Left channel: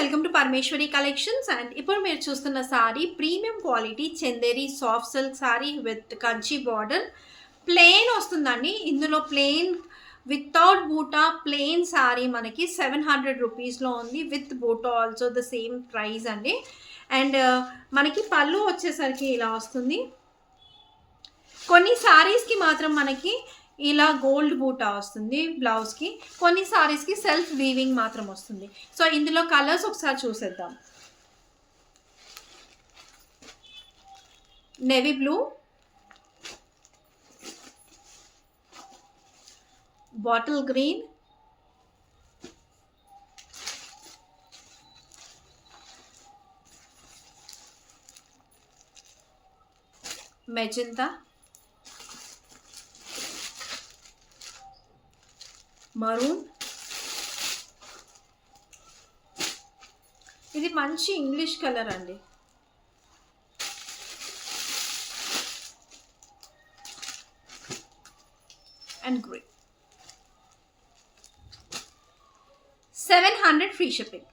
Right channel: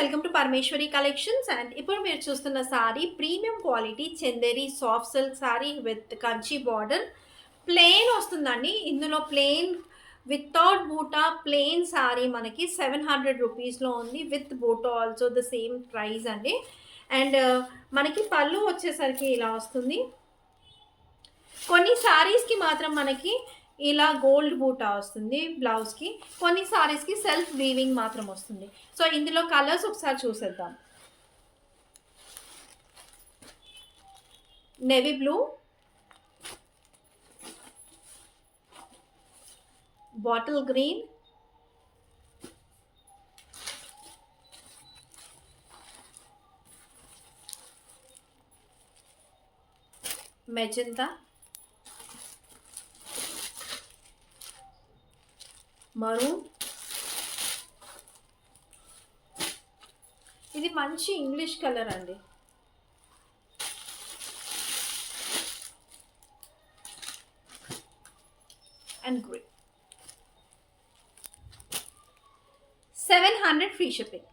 Welcome to Parameshwari Collections. And ఇప్పుడు మీరు చూస్తున్న sari premium quality Chanderi soft silk sari with Kanchi border. Plain వస్తుందండి. ఇందులో ప్లెయిన్ వితౌట్ బూటా ప్లెయిన్ సారీ మనకి 700 రూపీస్లో ఉంది. విత్ బూటా ఆల్సో ద సేమ్ ప్రైస్ అండి. అండ్ మనకి పళ్ళు వచ్చేసరికి ఇలా వస్తుంది. కొన్ని సారీస్కి మాత్రం మనకి ఇలా గోల్డ్ బూటా వస్తుంది బ్లౌజ్కి. కొన్ని సారీస్కి సెల్ఫ్ వీవింగ్ మాత్రం వస్తుంది. సో ఇందులో కలర్స్ ఒకసారి చూసేద్దాం. Navy blue, bottle green, magenta, maroon. ఇది మంచి ఇంగ్లీష్ కలర్ అండి. And grey. 700 free shipping.